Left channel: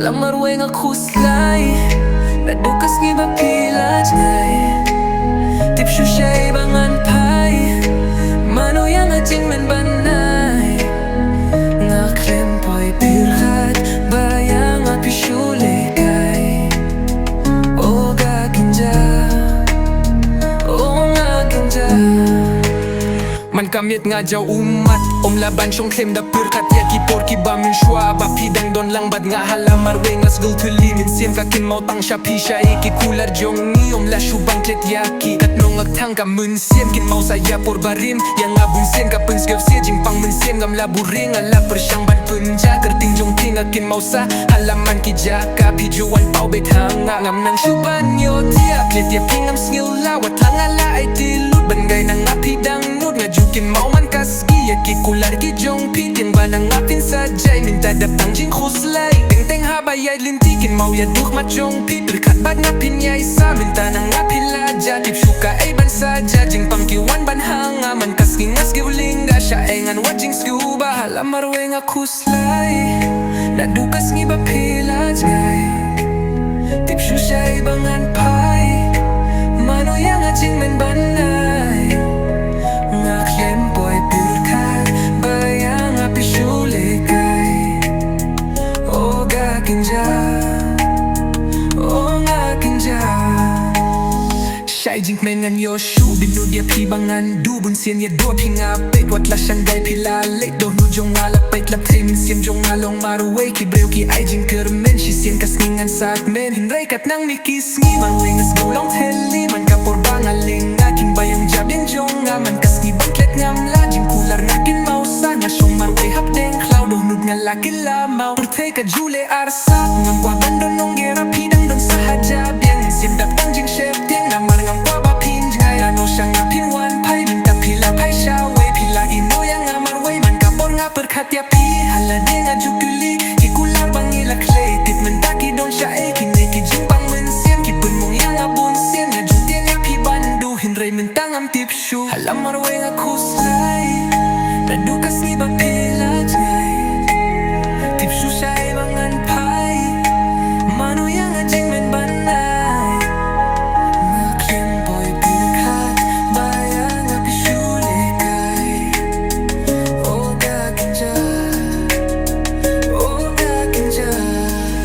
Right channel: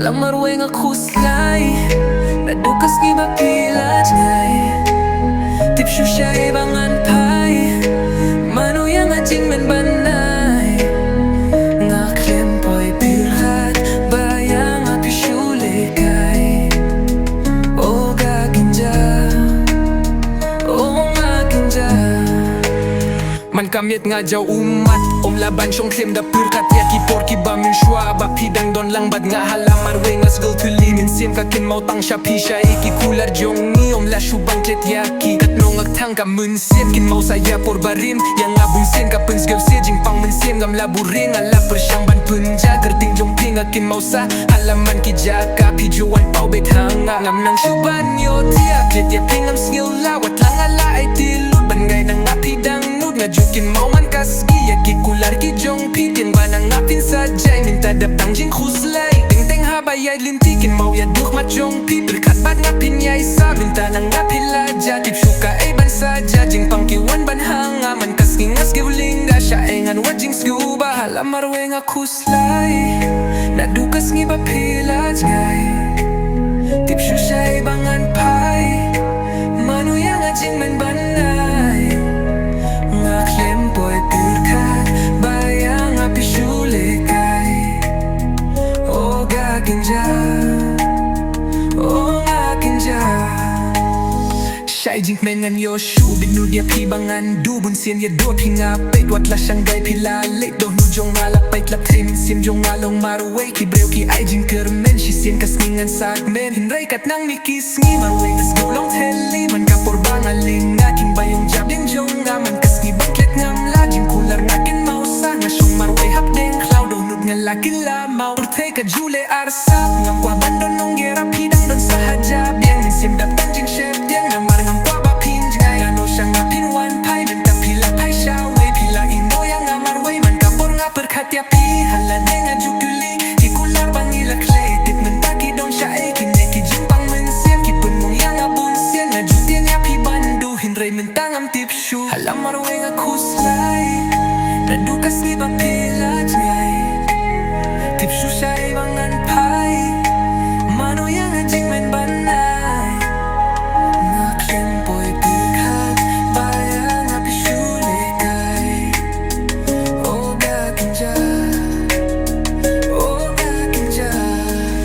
Hala marwei nga Khuslai, Naduh kiba pila jngai, shuh siya ibangan phai, Mano nga jing banay, nga khlem pyrkhat, bayang pishu lehkai. O ga kynjah, o nga kynjah. Man miet nga jaw ummat, laban shong khlem da pyrkhat ya kiba mynshwa, ba pidang don lang bad nga hala marwei nga thylli Mynsiem ka Kynmaw Tang siya pisha kular jong la shubang Klet Katno nga kthang ka Mynsiem Kynmaw saya por barim yang nga bunsien ka sngew jing Mynsiem ngam laburing nga lapar siyang ban punja kerting jong nga Kynmaw sa halaman kijah ka pijuan pau kthang ngam nang shuban yo tia Klet ya pingam sngew lawat lang ala ay tilut bangay nang pidang nud nga Kynmaw man kasgi ya kular jong tiang ba nang sa jay minta Tang jing Khuslai teng habayay linti Kynmaw ya duh jong pyrkhat bad nga pinyay sa minta nang pilaja shuka ay bansa jing pangkiwan banhanga man kasgi nga skivlinga siya ay ngan jing scuba hala marwei nga Khuslai Naduh kiba pila jngai shuh siya ibangan phai Mano nga jing banay nga khlem pyrkhat bayang pishu lehkai. O ga kynjah, o nga kynjah. Siya jing kmen ngan yo shuh binu dia pibangan du bunsien ya do pinga pet wat la shangai pila late do nu jong ala pait lap te Mynsiem jong along marwei kibreu ki jing kmen shisien kasngan sa kmen hinray katnang sngi marwei ngas gulong thylli man kapor bangaling nga kiba yung yang jong man kasngi bang Klet ngam la jing kular nga Kynmaw sa nga shong marwei hapdeng klaw do nud nga Kynmaw urtay ka jule arsap ngam kwa bandon nong gera pidang don sa hajab yang Mynsiem Tang jing shep tiang na ngam kwa ba jngai ano siya nga pinwan phai minta pila phai siya way pila ino yang nga marwei man kapor nga pyrkhat ya pi hala de nga jukuli kular bang ila Klet menta don siya ay jing Mynsiem kipun mong yang nga bunsien nga jutien ya pi bandu hinray minta ngam shuh hala marwei nga Khuslai Naduh kiba pila jngai shuh siya ibangan phai Mano nga jing banay nga khlem pyrkhat bayang pishu lehkai. O ga kynjah, o ga kynjah.